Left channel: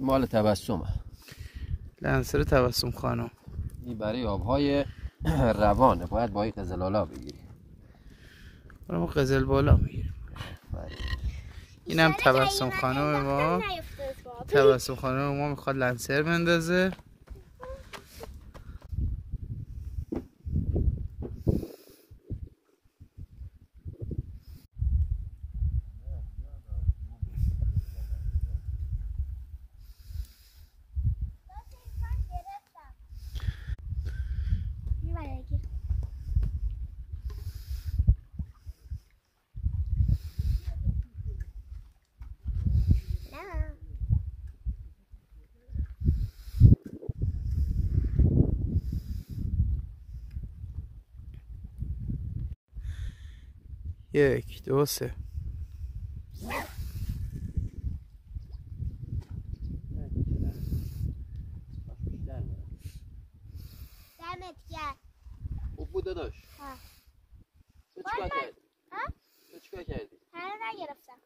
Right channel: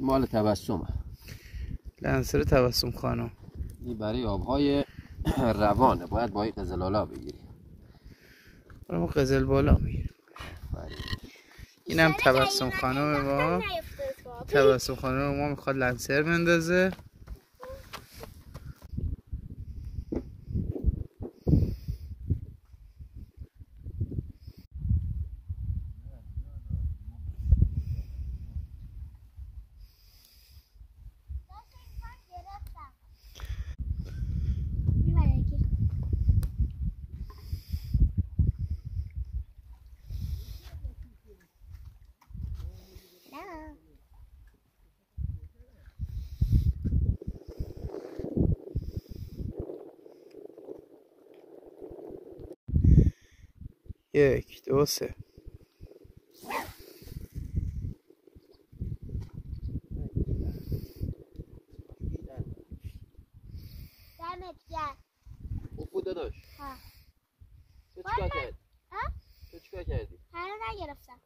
مال تبسمه. لنسر تبسم خانم. این برای آبهای روانه، باید با این قزلالا بگیری. ما قزل بالا میگیریم. اینم تبسم خانم ما. تبسم خانم ما میخواد لنسر بندازه. یک دو سه. دمت گرم. خوب بود داداش. ها. تو چیکار کردی؟ ها؟ تو چیکار کردی؟ هنوز نگرفتم.